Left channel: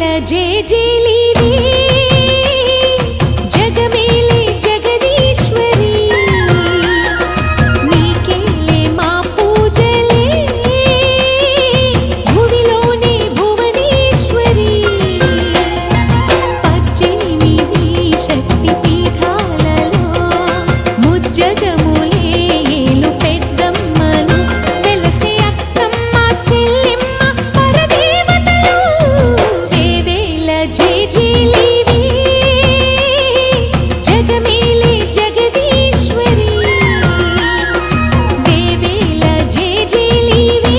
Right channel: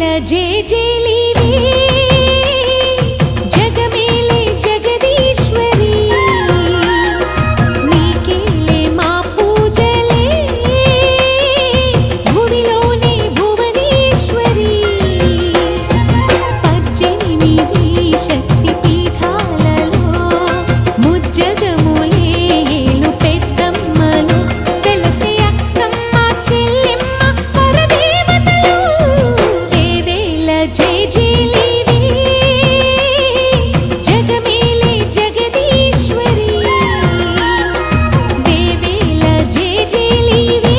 వేవేల జేజేలివే జగమేలే జగదీశ్వరి నీకేలే మా పూజలే భువిలోనే భువనేశ్వరి 18 శక్తి పీఠాలలో ముజ్జగములే ఏలు పెద్దమ్మలు వెలసే అక్కమ్మ చెల్లెమ్మ పరదేవతలు వేవేల జేజేలివే జగమేలే జగదీశ్వరి వేవేల జేజేలివే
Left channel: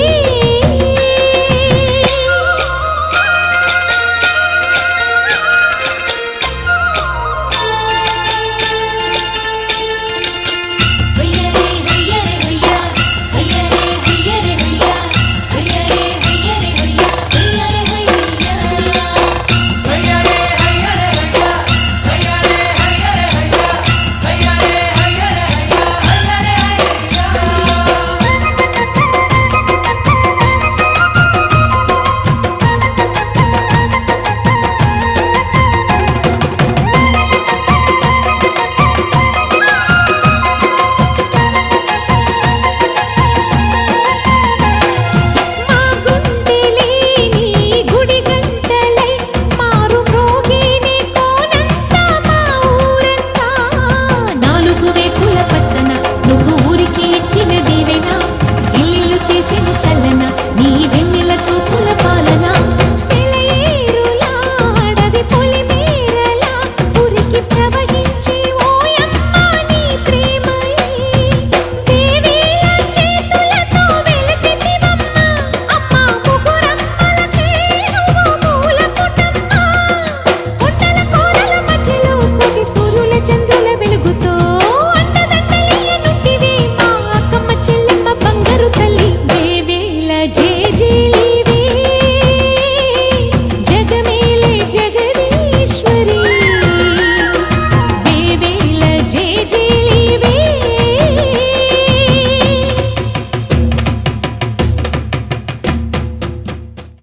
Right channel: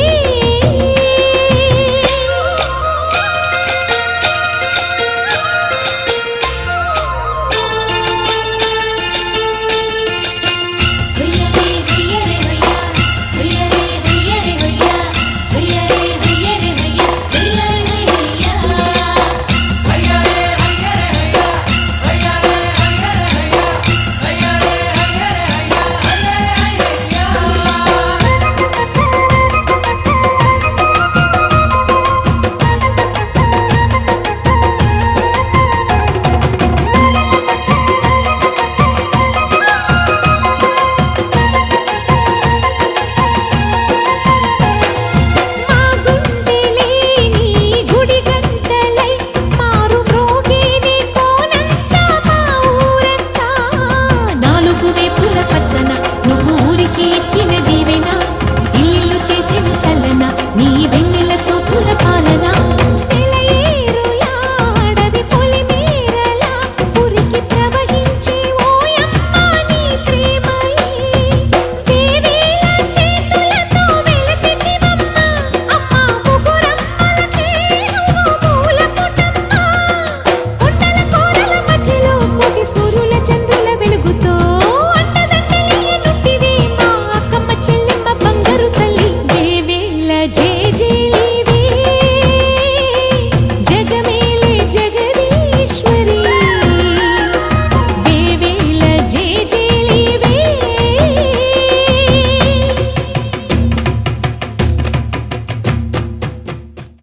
నువ్వు ఊరికి ఇచ్చిన దీవెనా ఇల్లు చేసేను చల్లన నీ వెన్నెల చూపుల పాలన సెలయేరులా అడవి పొలిమేరలా ఉరికి ప్రవహించే ఓయమ్మ నీ ప్రేమయే వేవేల చేతులతో వెలసితివమ్మ అమ్మ ముగురమ్మలకే నువ్వు మూలపుటమ్మ కొండల కోరల మధ్యలో కోటి సూర్యుల చంద్రుల వెలుగుతో చెల్లెమ్మ బంగారు తల్లి వేవేల జేజేలివే